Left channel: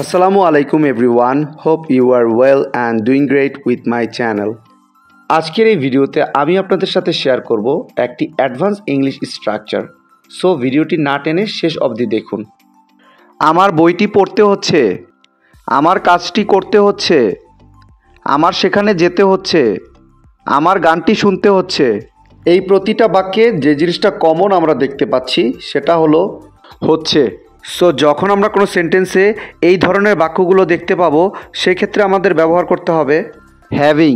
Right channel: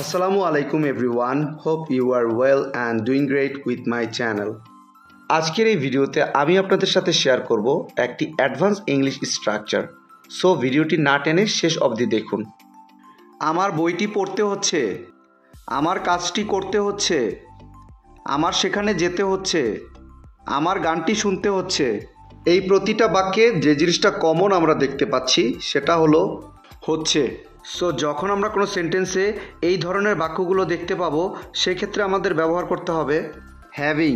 Assalamu alaikum everyone. Hope you are well and doing great with my channel. আজকের এই ভিডিওতে আমি আপনাদের সাথে শেয়ার করব একটি অ্যাডভান্স ইংলিশ স্ট্রাকচার। সো ভিডিওটি না টেনে শেষ অবধি দেখুন। আমার বইটি পড়তে হচ্ছে, আমার কাজটি করতে হচ্ছে, আমার সেখানে যেতে হচ্ছে, আমার গানটি শুনতে হচ্ছে। এই প্রতিটা বাক্যে যে জিনিসটা কমন আমরা দেখতে পাচ্ছি সেটা হলো হচ্ছে। সো যখন আমরা কোনো সেন্টেন্সে এই ধরনের বাক্যগুলো দেখতে পাবো সেক্ষেত্রে আমাদের ব্যবহার করতে হবে হ্যাভিং।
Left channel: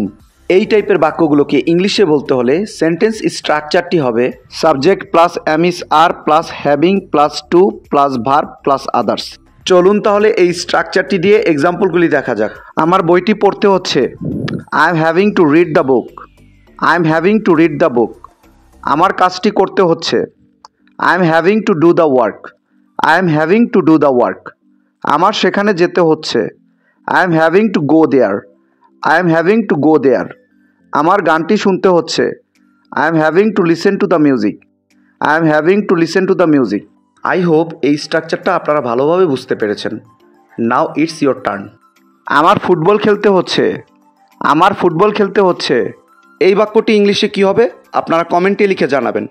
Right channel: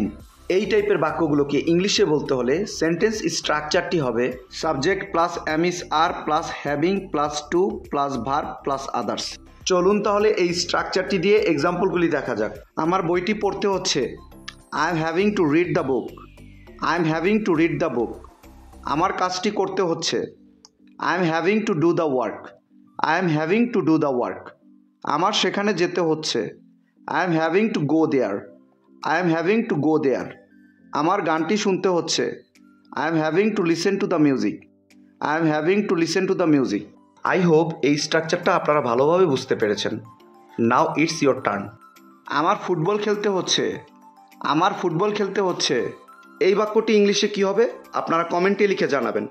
এই টাইপের বাক্যগুলোকে ইংলিশে বলতে হলে সেন্টেন্স স্ট্রাকচারটি হবে subject plus am is are plus having plus to plus verb plus others. চলুন তাহলে এই স্ট্রাকচারটি দিয়ে এক্সাম্পলগুলি দেখা যাক। আমার বইটি পড়তে হচ্ছে, I am having to read the book. I am having to read the book. আমার কাজটি করতে হচ্ছে, I am having to do the work. I am having to do the work. আমার সেখানে যেতে হচ্ছে, I am having to go there. I am having to go there. আমার গানটি শুনতে হচ্ছে, I am having to listen to the music. I am having to listen to the music. I hope এই স্ট্রাকচারটা আপনারা ভালোভাবে বুঝতে পেরেছেন। Now it's your turn. আমার ফুটবল খেলতে হচ্ছে, আমার ফুটবল খেলতে হচ্ছে। এই বাক্যটি ইংলিশে কী হবে আপনারা কমেন্টে লিখে জানাবেন।